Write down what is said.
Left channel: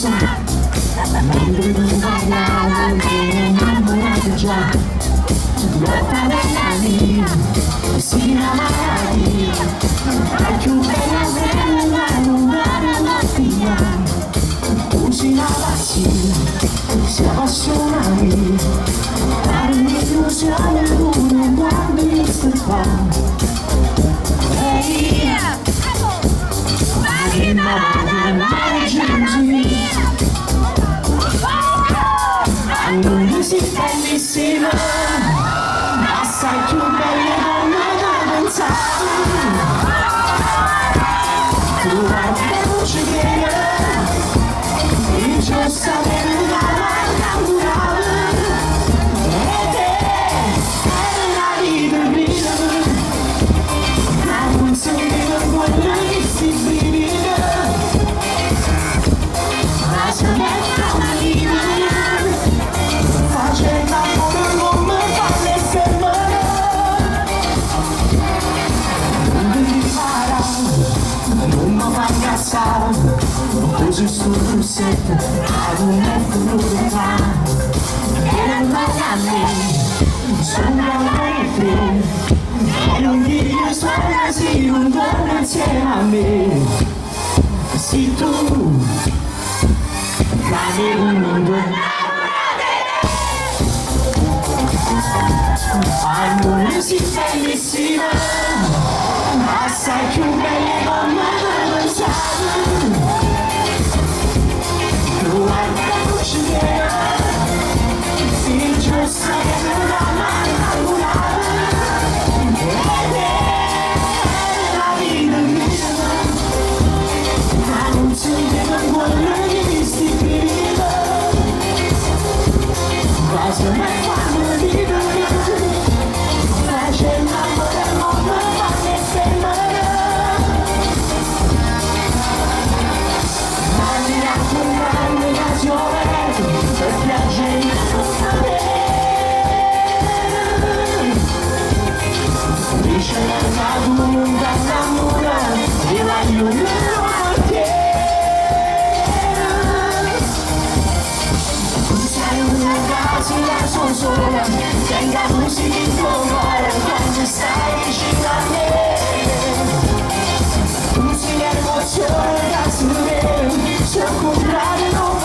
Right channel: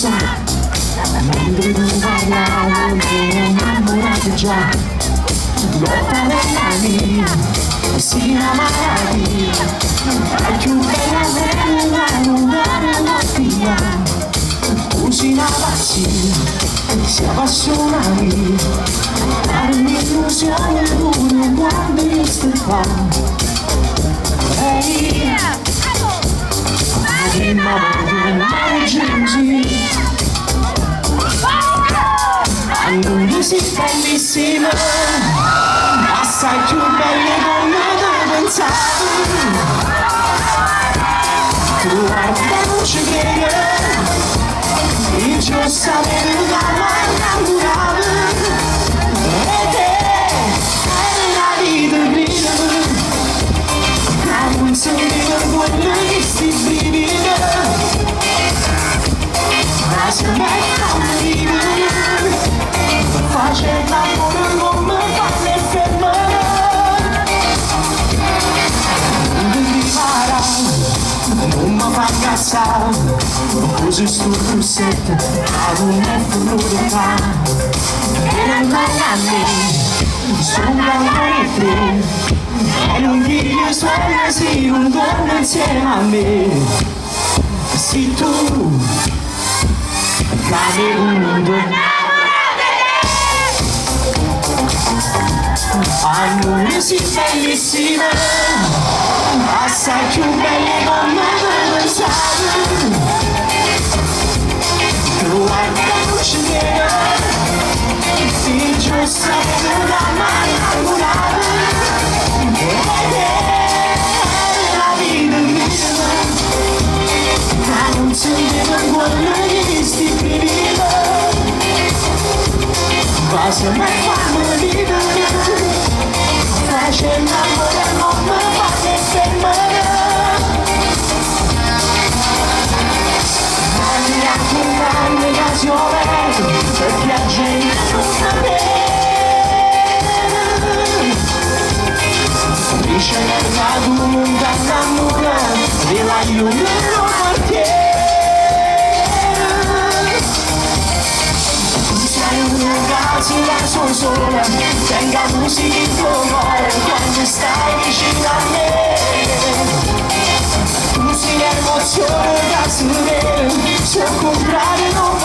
so non devo parlare che innamorata già lotta nella mia si amare è più bella della non dare la via cucina vacina si appassiona lì per un'illusione pure quando io sto qua ehi che non mai giungi non sei bellissima assai più belle come non pensavi tu hai la luce che io sapevo innamorare e te hai la vita mia non sentivo quello che si viveva ma se me la vita facendo l'amore non mi fa né fermare non mi farà non mi fa incazzare così sto corsetto ad un effetto e non vai a me sono la te e non dire suona sì un giorno insieme a me sì tu cade un mondo non sei bellissima assai più belle come non pensavi tu hai la luce nera sì giusto una mano innamorata ed è la vita mia ma non sentivo quello che sti vivendo ma se me quando vivo facendo amore non mi fa né fermare ma anche un'anno da giovane per piacere non me ricerca d'un d'amore e la illumino quartiere sei un ragazzo da sola tenga musica in tuo cuore quando stai vicino a me tu sei l'emozione da sudare se comprare non